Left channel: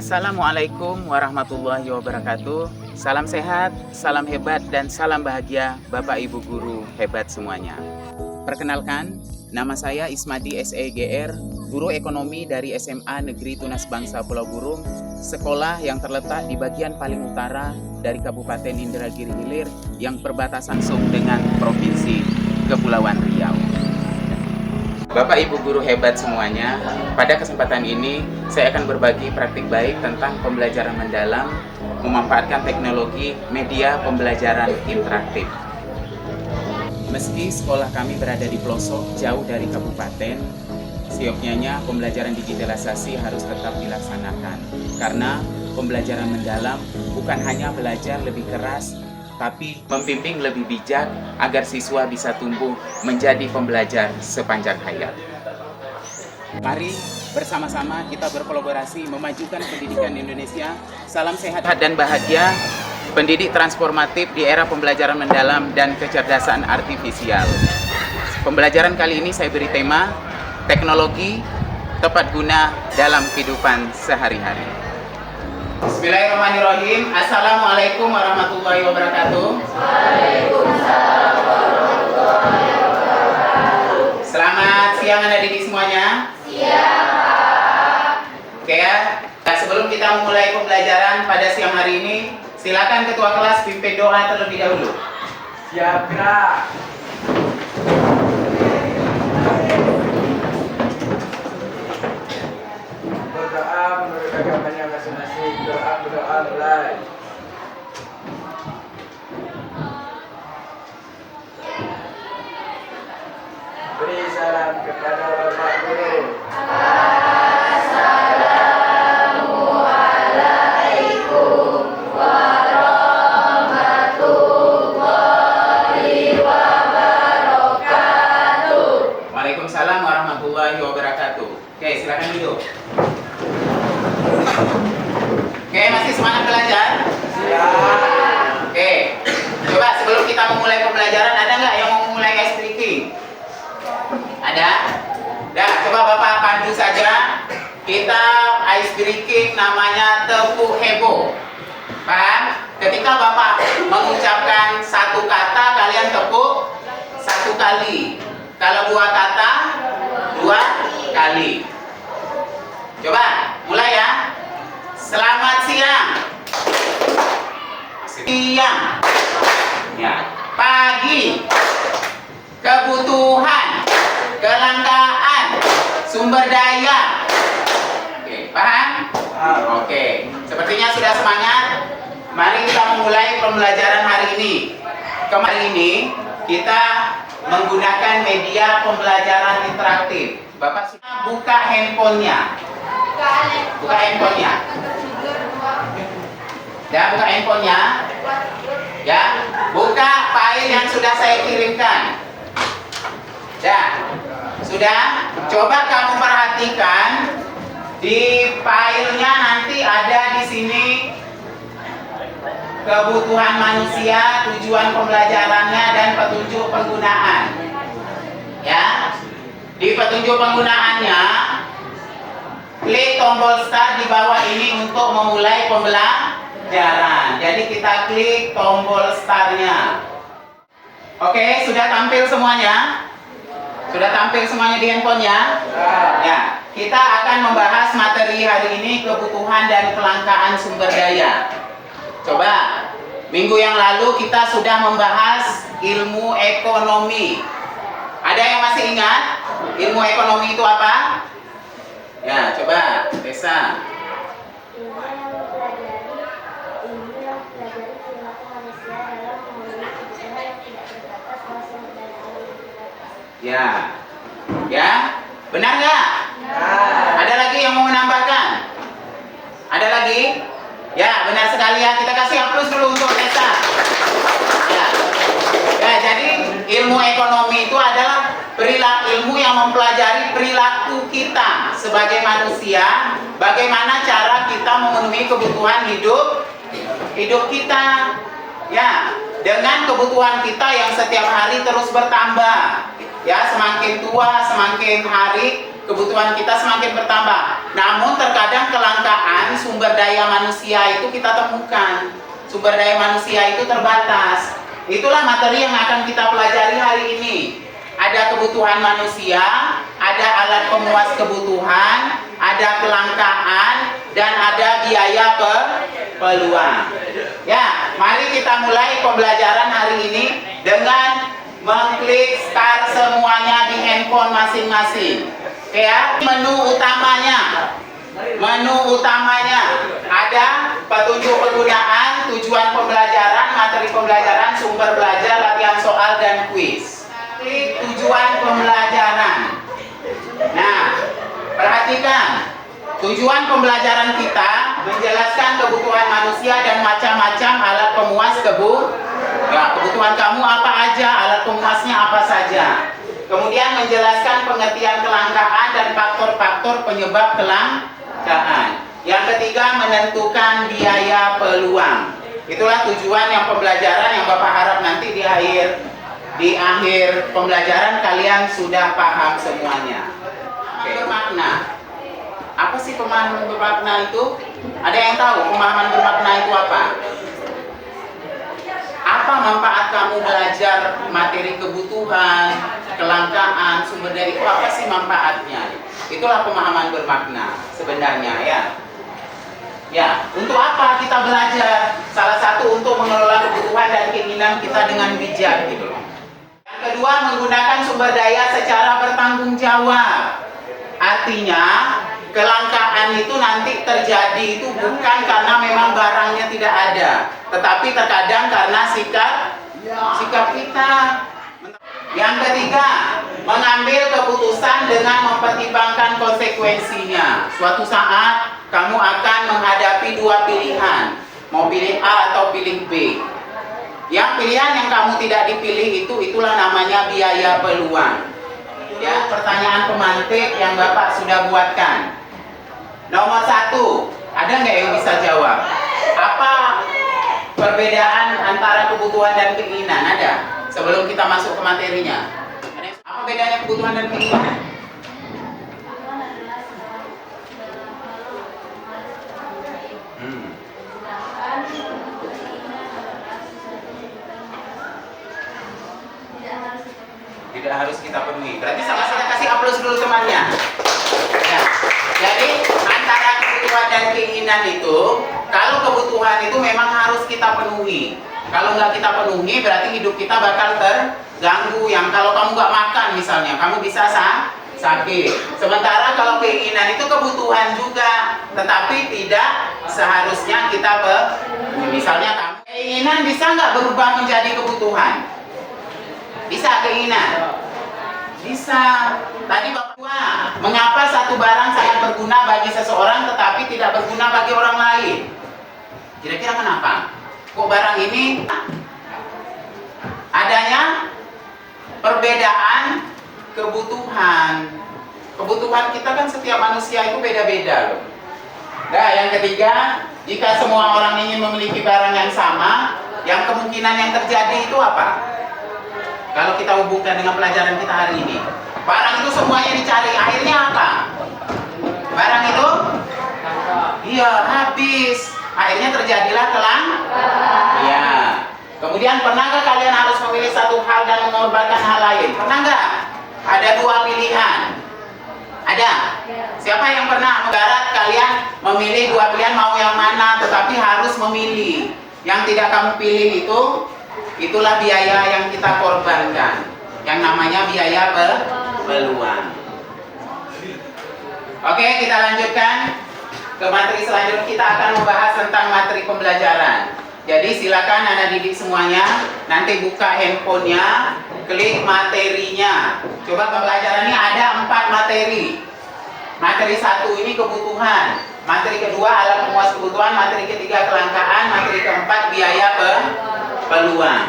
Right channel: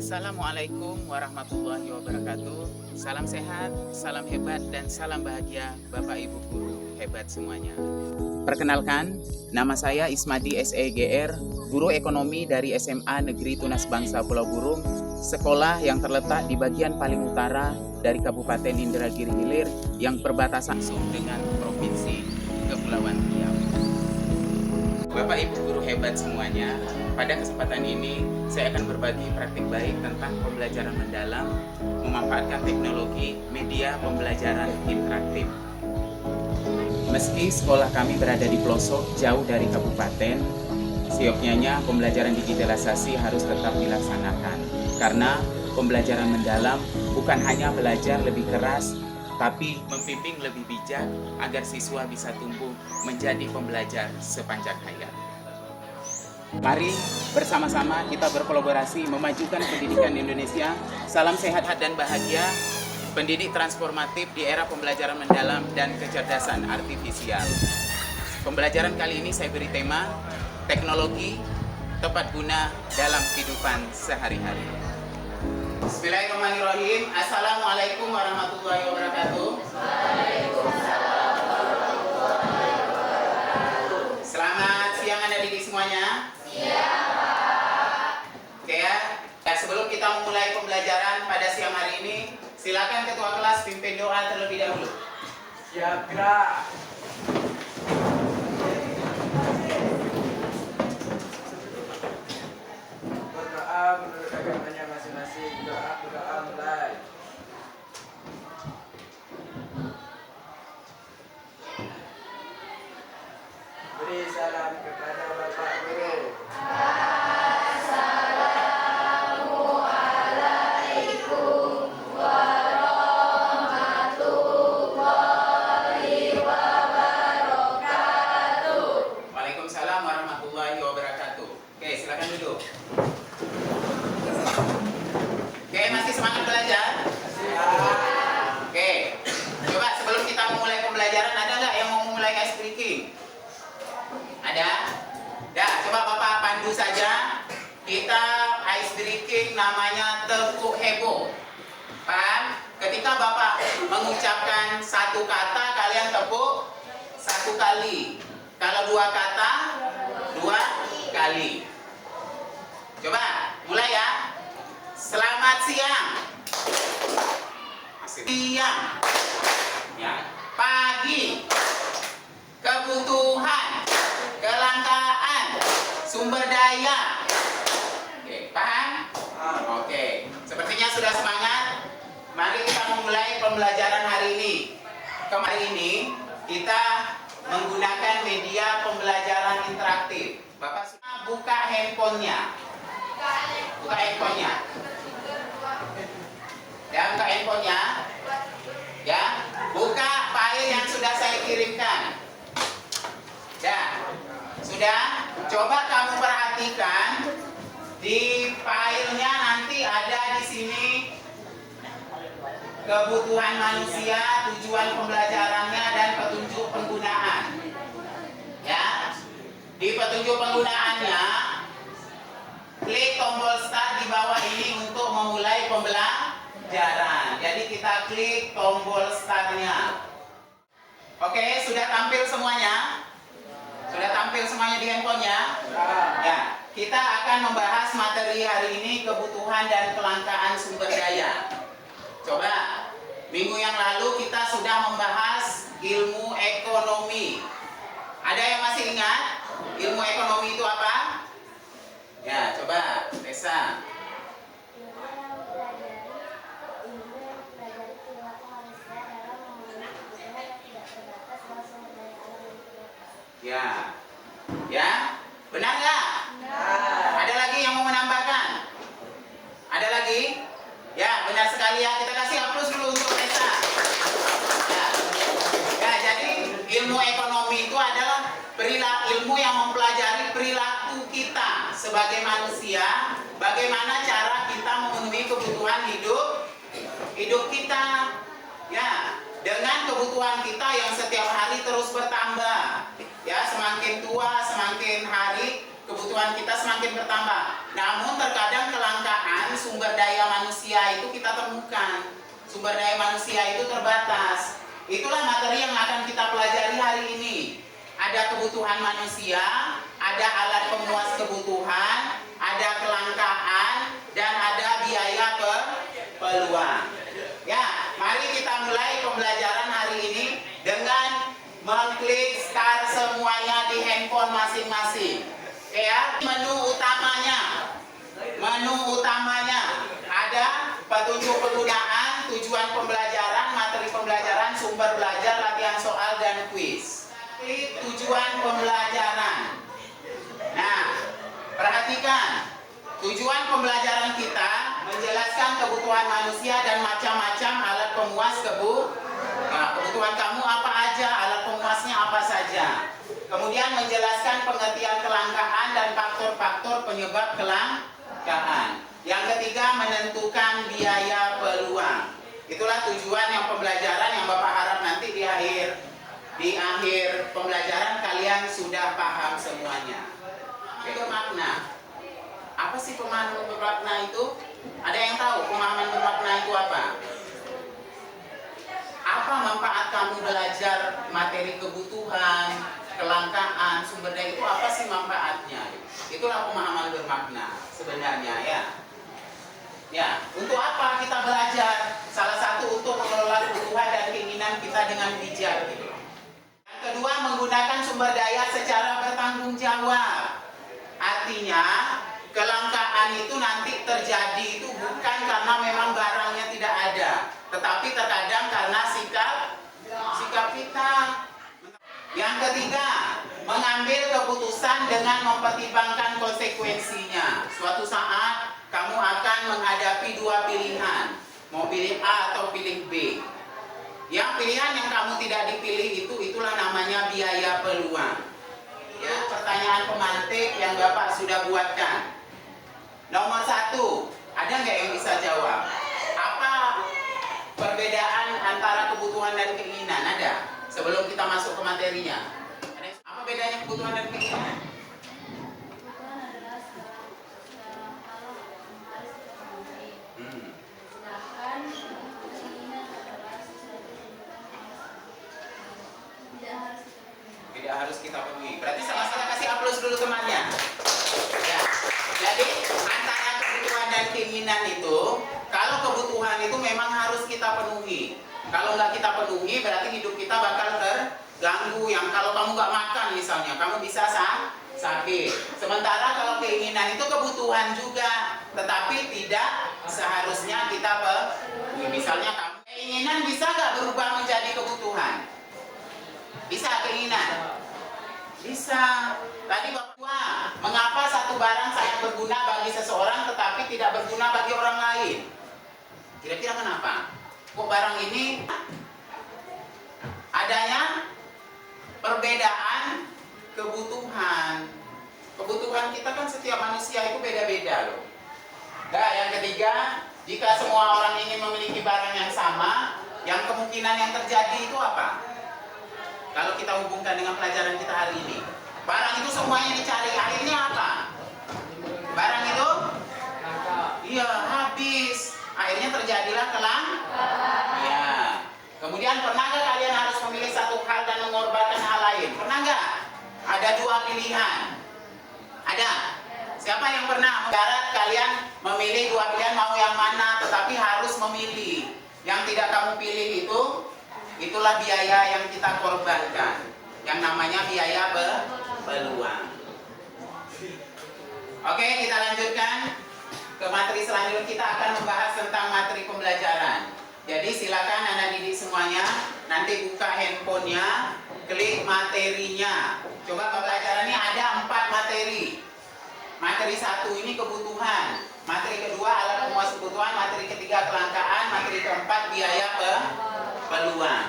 Assalamualaikum warahmatullahi wabarakatuh. Salam sehat, salam hebat, dan salam bahagia Bapak Ibu Guru hebat semuanya. Perkenalkan, nama saya Ismadi SEGR, Guru Ekonomi dari SMA Negeri Tunas Bangsa Pulau Burung, sekolah yang terletak di bagian paling utara dari Kabupaten Indragiri Hilir yang berbatasan langsung dengan Provinsi Kepulauan Riau. Bapak Ibu Guru hebat semuanya, pada kesempatan ini saya akan berbagi praktik baik tentang pembelajaran mendalam memanfaatkan teknologi media pembelajaran interaktif. Meski sekolah kami berada di pelosok jauh dari kabupaten, sioknyanya pembelajaran digitalisasi harus tetap dilaksanakan. Karena pembelajaran mendalam bukan hanya belajar lebih keras, tapi membimbing lebih bijak agar siswa bisa tumbuh menjadi pembelajar sepanjang hayat. Mari bersama-sama kita berkolaborasi memajukan pendidikan Indonesia. Salam sehat dan bahagia, pendidik transformatif di era pembelajaran mendalam dan kecerdasan artifisial. Pembelajaran kali ini saya beri tema teknologi tepat guna dalam kehidupan sehari-hari. Bismillahirrahmanirrahim. Assalamualaikum warahmatullahi wabarakatuh. Waalaikumsalam warahmatullahi wabarakatuh. Selamat siang adik-adik semuanya. Siang, Pak. Oke ya. Nah, sebelum kita memulai pembelajaran pada siang hari ini, silakan ketua kelas pimpin doa terlebih dahulu. Siap, gerak. Berdoa menurut agamanya masing-masing. Berdoa mulai. Beri salam kepada Bapak Guru. Assalamualaikum warahmatullahi wabarakatuh. Waalaikumsalam warahmatullahi wabarakatuh. Oke, silakan duduk. Oke, masih semangat belajar? Siap. Oke, coba sebelum kita memulai pembelajaran, ada nggak yang mau mulai ice breaking? Ada? Dah, coba Bapak pandu saja. Kita ice breaking namanya tepuk heboh. Paham? Ketika Bapak mengucapkan satu kata, kalian tepuk satu kali. Kalau dua kata, dua kali. Coba, mulai ya. Selamat siang. Siang. Ya. Pagi. Kebutuhan. Kelangkaan. Sumber daya. Oke, paham? Oke. Sepertinya sudah semangat. Mari kita memulai pembelajaran hari ini. Kemarin ini kita menggunakan media pembelajaran interaktif. Bapak sudah buka handphonenya. Buka handphonenya. Ya, buka handphonenya. Ya, buka file yang sudah saya kirimkan. Ya, sudah. Coba kamu perhatikan di filenya nanti ada di sini kebutuhan manusia, tujuan pembelajarannya, dan petunjuk penggunaan. Ya, di petunjuk penggunaannya, klik tombol start di bawah ini untuk memulai pembelajaran. Jadi kita klik tombol startnya. Oke, sudah tampil semuanya? Sudah tampil semuanya di handphonenya? Ya, kita akan membahas materi hari ini kebutuhan dan kelangkaan sumber daya. Coba, minggu yang lalu kita sudah membahas ilmu ekonomi. Ada yang masih ingat ilmu ekonomi itu apa? Ya, coba, Desa. Ya, ya, benar nggak? Ada lagi yang mau menambahkan? Ada lagi? Ya, benar sekali ya. Kita kasih aplaus dulu untuk Desa. Ya, ya, jadi ilmu ekonomi itu adalah ilmu yang mempelajari perilaku kita sebagai manusia, bagaimana cara kita memenuhi kebutuhan hidup kita. Ya, dengan kebutuhan kita yang setiap hari terus bertambah. Ya, semakin tua, semakin hari kebutuhan kita semakin bertambah. Namun terkadang kelangkaan sumber daya manusia itu kita temukan. Sumber daya manusia itu terbatas. Itulah materi yang akan kita pelajari hari ini. Ada kebutuhan manusia, ada alat pemuas kebutuhan, ada kelangkaan, dan ada biaya peluang. Ya, mari kita mulai pembelajaran hari ini dengan mengklik start semuanya di handphone masing-masing. Ya, menu utamanya ada petunjuk penggunaan, tujuan pembelajaran, materi pembelajaran, sumber belajar, latihan soal, dan kuis. Klik tujuan pembelajaran. Nah, perhatikan, tujuan pembelajaran kita menjelaskan kebutuhan manusia dan macam-macam alat pemuas kebutuhan kamu apa aja, alat pemuasnya apa saja. Kemudian menjelaskan pengertian kelangkaan dan faktor-faktor penyebab kelangkaan. Yang ketiga, menentukan biaya peluang. Itulah tujuan yang pembelajaran yang Bapak harap nanti di akhir pembelajaran kalian sudah paham semuanya. Oke. Bermakna. Apa sih pemahaman bermakna itu? Ada yang tahu pemahaman bermakna itu apa? Apa manfaat kamu belajar materi kebutuhan, kelangkaan, sumber daya itu apa sih manfaatnya? Itulah pemahaman bermakna sebenarnya ya. Ya, untuk apa kita belajar? Salah satu untuk mengelola kebutuhan dan keinginan kita dengan bijak gitu loh. Yang kedua, menggunakan sumber daya secara bertanggung jawab. Artinya, kelangkaan itu nanti terjadi itu bukan karena memang barangnya tidak ada, tetapi terkadang karena sikap kita. Yang ketiga, mengambil keputusan dengan mempertimbangkan konsekuensinya. Suatu saat kamu akan menghadapi dua pilihan, mau pilih A atau pilih B. Yang pilihan yang kamu tidak dipilih itulah namanya biaya peluang. Ya, pertanyaan pemantik yang Bapak sudah buatkan. Nomor 1, ada nggak yang bisa jawab? Apa perbedaan antara kebutuhan dan keinginan? Ada? Sebelum kita masuk ke materinya. Apa bedanya kebutuhan dan keinginan? Tidak harus kita penuhi. Berarti sama-sama kasih aplaus dulu temannya. Ya. Jadi antara kebutuhan dan keinginan itu, kalau kebutuhan itu memang harus kita penuhi. Kalau nggak kita penuhi, berarti hidup kita bakal terganggu. Yang kalau kamu nggak makan misalnya, kamu bisa sakit. Sementara kalau keinginan itu kebutuhan juga, tetapi tidak seharusnya kita penuhi. Misalnya kamu keinginan bisa nggak berubah menjadi kebutuhan? Bisa keinginan? Bisa. Tadi Bapak, mengapa satu barang sangat berguna bagi seseorang tetapi tidak berguna bagi orang lain? Kira-kira kenapa? Kok barang ini adanya perbedaan kebutuhan. Kebutuhan kita kan setiap manusia itu beda-beda loh. Nah, yang ketiga, jika semua orang ingin memiliki barang yang sama, yang kemungkinan yang terjadi itu apa? Kalau kita hubungkan dengan pelajaran kita hari ini, barang itu semuanya dicari, akhirnya apa? Barang itu? Iya, habis. Akhirnya terjadilah Iya. Kemudian pernahkah kalian harus memilih satu hal dan mengorbankan hal lain? Pernah nggak? Ada dua pilihan. Ada? Siapa yang pernah mendarat kalian memilih dua pilihan mau yang mana, tetapi harus memilih. Yang tidak kamu pilih itulah biaya yang kita korbankan, yang namanya biaya peluang. Oke, kita lanjutkan ke materi selanjutnya. Kita akan membahas tentang materi pembelajaran. Jadi silakan anak didik semuanya nanti buka handphonenya, klik materinya. Coba pembelajarannya ada 4 materi. Materi 1 ini kebutuhan, materi kedua alat pemuas kebutuhan, materi ketiga kelangkaan, materi keempat biaya peluang.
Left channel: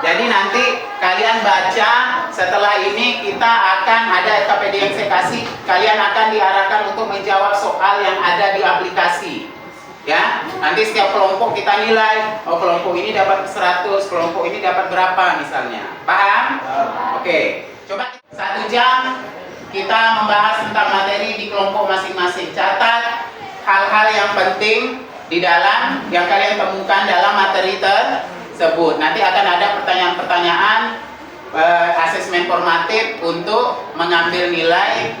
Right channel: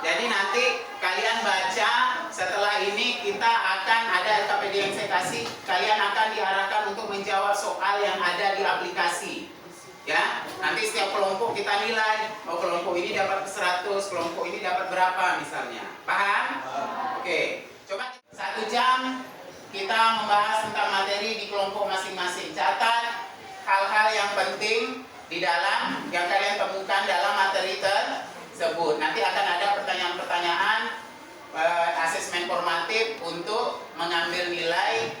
Jadi nanti kalian baca, setelah ini kita akan ada KPD yang saya kasih, kalian akan diarahkan untuk menjawab soal yang ada di aplikasi. Ya, nanti setiap kelompok kita nilai, oh kelompok ini dapat 100, kelompok ini dapat berapa misalnya. Paham? Oke. Coba 1 jam kita membahas tentang materi di kelompok masing-masing. Catat hal-hal yang penting di dalam yang kalian temukan dalam materi tersebut. Nanti akan ada pertanyaan-pertanyaan asesmen formatif untuk mengambil nilai,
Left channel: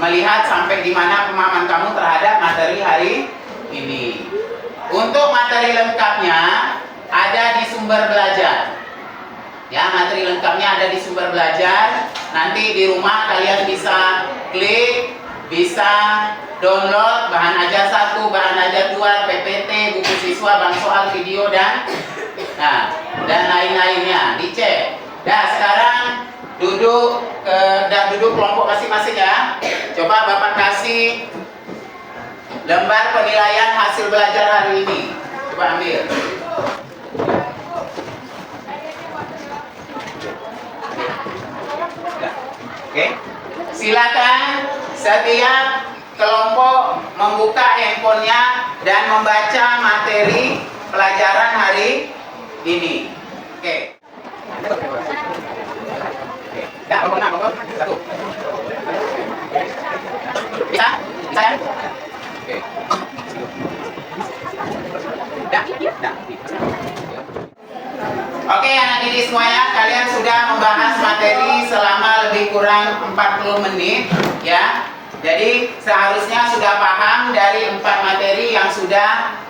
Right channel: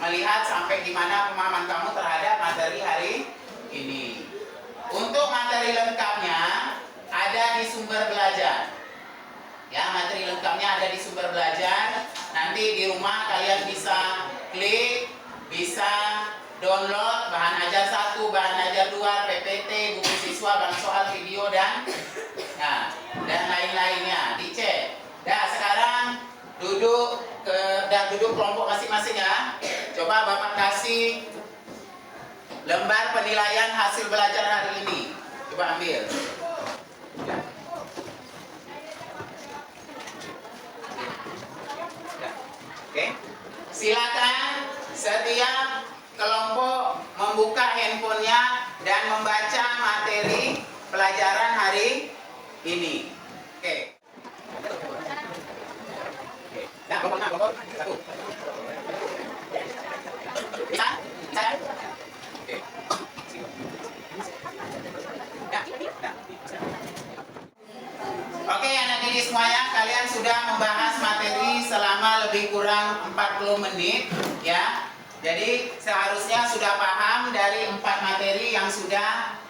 melihat sampai di mana pemahaman kamu terhadap materi hari ini. Untuk materi lengkapnya ada di sumber belajar. Ya, materi lengkapnya ada di sumber belajar. Nanti di rumah kalian bisa klik, bisa download bahan ajar 1, bahan ajar 2, PPT, buku siswa, bank soal, video dan lain-lainnya. Dicek. Nah, sekarang duduk kelompok masing-masing ya. Coba Bapak kasih lembar penilaian hasil belajar hari ini. Coba ambil. Oke. Silakan setiap kelompok membuka handphonenya dan membaca materi pelajaran hari ini. Oke. Ya, pokok. 1. Bisa? Bisa ya? Oke. Oke, anak didik semuanya, kalian sudah membahas materi selama lebih kurang 40 menit ya. Jadi seharusnya sudah paham dari 4 materi yang sudah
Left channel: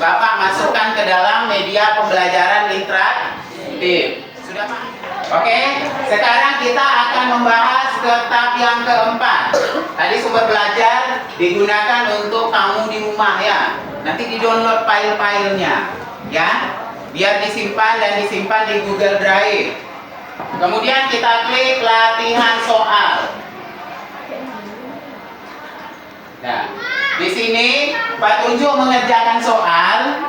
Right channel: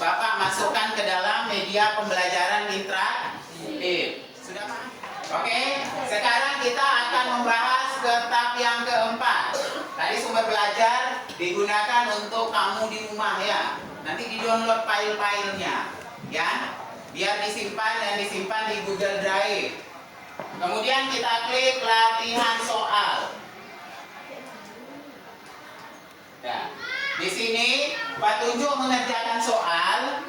Bapak masukkan ke dalam media pembelajaran interaktif. Sudah paham? Oke, sekarang kita akan membahas ke tahap yang keempat. Tadi sumber belajar digunakan untuk kamu di rumah ya. Nanti di-download file-filenya ya. Biar disimpan di Google Drive. Kemudian kita klik latihan soal. Nah, di sini petunjuk mengerjakan soal.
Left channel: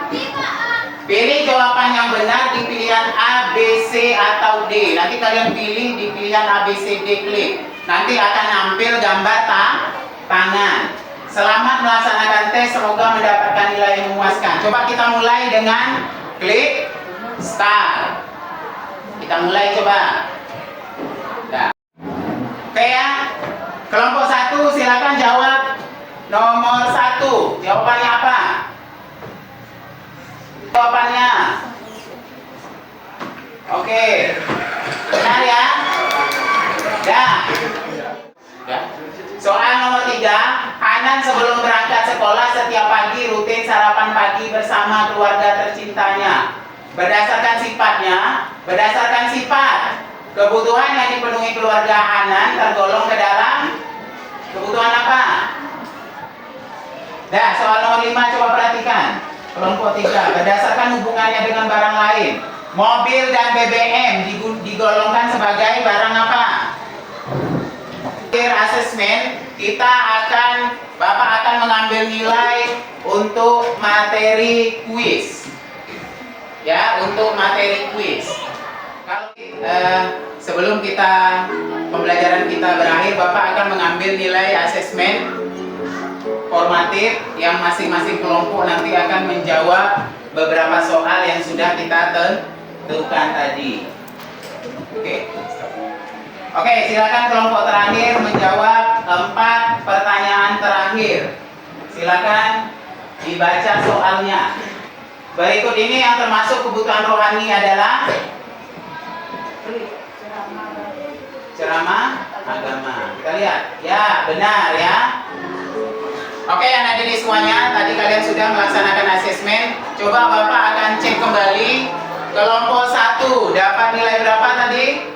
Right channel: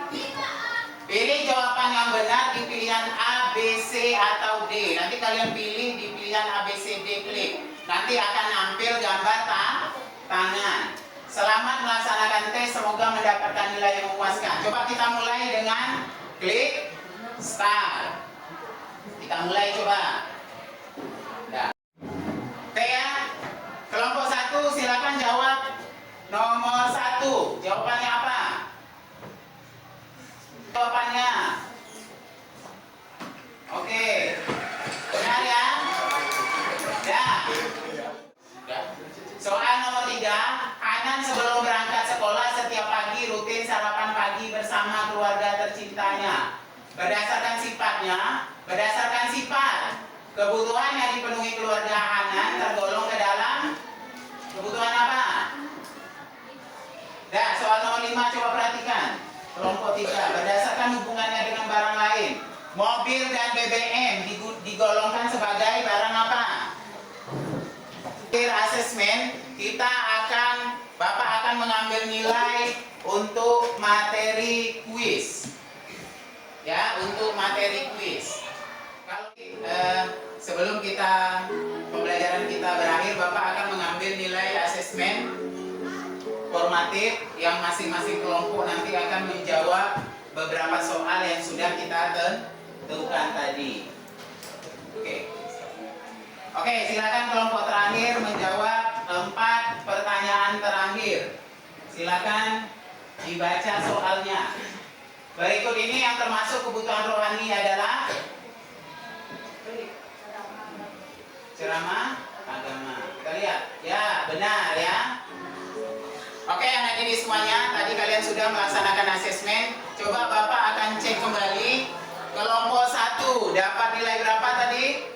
Pilih jawaban yang benar di pilihan A, B, C atau D. Nanti kalian pilih di pilihan A, B, C, D, klik. Nanti akan nampil gambar tangan. Selamat melaksanakan tes, semoga mendapatkan nilai yang memuaskan. Coba kita mulai dengan klik start. Kita mulai coba. Nah. Oke ya. Kelompok 1 silakan jawab nomor 1. Jawabannya apa? Jawabannya. Oke. Benar ya? Ya. Soal nomor 3. Hanan sebelum berangkat sekolah setiap pagi rutin sarapan pagi bersama keluarga tercintanya. Berdasarkan sifat kebutuhan yang dipenuhi keluarga Hanan tergolong ke dalam kebutuhan apa? Nah, soal nomor 5 coba perhatikan. Kelompok 3, berdasarkan hubungannya dengan barang lain, mobil dan BBM digolongkan sebagai barang apa? Akhir asesmen, Bapak akan mengambil nilai untuk materi kuis. Ya, untuk materi kuis. Kalau sebelum pembelajaran kita berakhir, Bapak akan mengambil nilai asesmen formatif yang masing-masing kelompok nanti akan menjawab beberapa soal yang sudah kita tentukan tadi. Oke, silakan kelompok terakhir menjawab 4 pertanyaan terakhir. Silakan dibaca soalnya. Berikut ini yang termasuk kebutuhan rohani adalah ceramah agama. Kita lihat. Ya, benar ya. Oke, anak didik semuanya, tadi kalian sudah melaksanakan asesmen. Coba Bapak akan cek kembali. Kelompok 1 dapat nilai berapa tadi?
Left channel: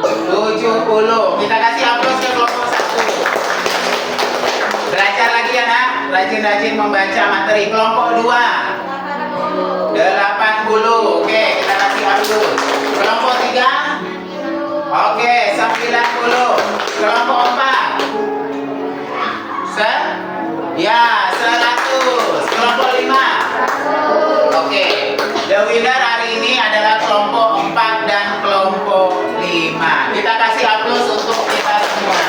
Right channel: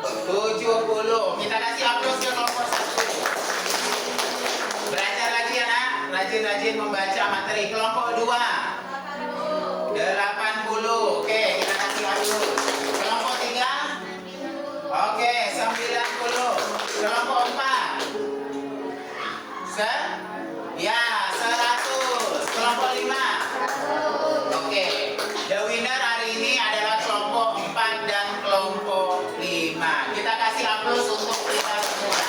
70. Kita kasih aplaus ke kelompok 1. Belajar lagi ya nak, rajin-rajin membaca materi. Kelompok 2 80. Oke, kita kasih aplaus. Kelompok 3 oke, 90. Kelompok 4 ya, 100. Kelompok 5 oke. The winner hari ini adalah kelompok 4 dan kelompok 5. Kita kasih aplaus untuk kita semua.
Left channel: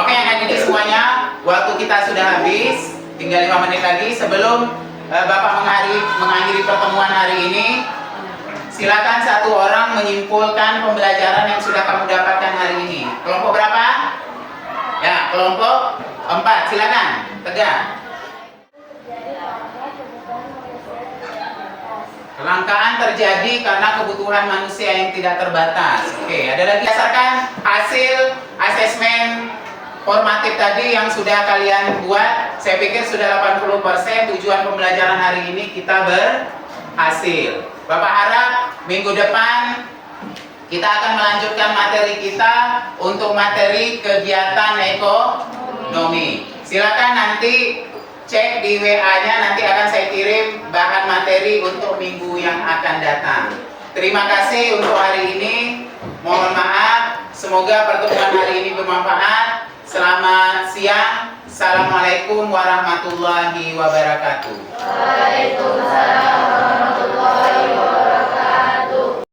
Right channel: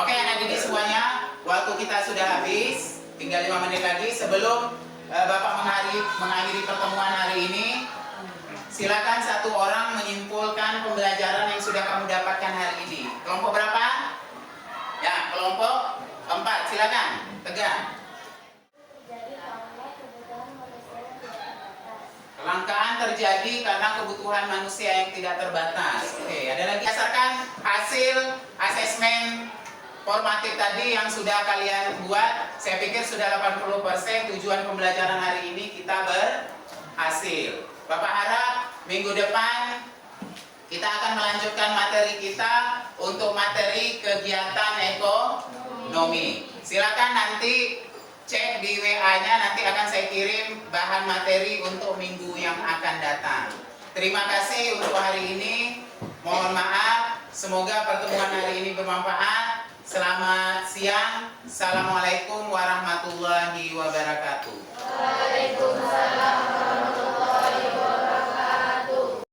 Oke, anak didik semuanya, waktu kita sudah habis. Tinggal 5 menit lagi sebelum Bapak mengakhiri pertemuan hari ini. Silakan satu orang menyimpulkan pembelajaran yang sudah kamu dapatkan hari ini. Kelompok berapa? Ya, kelompok 4. Silakan, tegak. Kelangkaan terjadi karena kebutuhan manusia yang tidak terbatas. Oke, ada lagi. Berdasarkan hasil asesmen formatif tadi yang sudah kalian buat, saya pikir sudah 80% tujuan pembelajaran hari ini kita berhasil. Bapak harap minggu depan kita akan melanjutkan materi kita untuk materi kegiatan ekonomi. Silakan nanti cek di WA-nya, nanti akan saya kirim bahan materi untuk minggu yang akan datang. Terima kasih untuk hari ini. Mohon maaf, semoga pertemuan hari ini bermanfaat. Selamat siang. Assalamualaikum warahmatullahi wabarakatuh. Waalaikumsalam.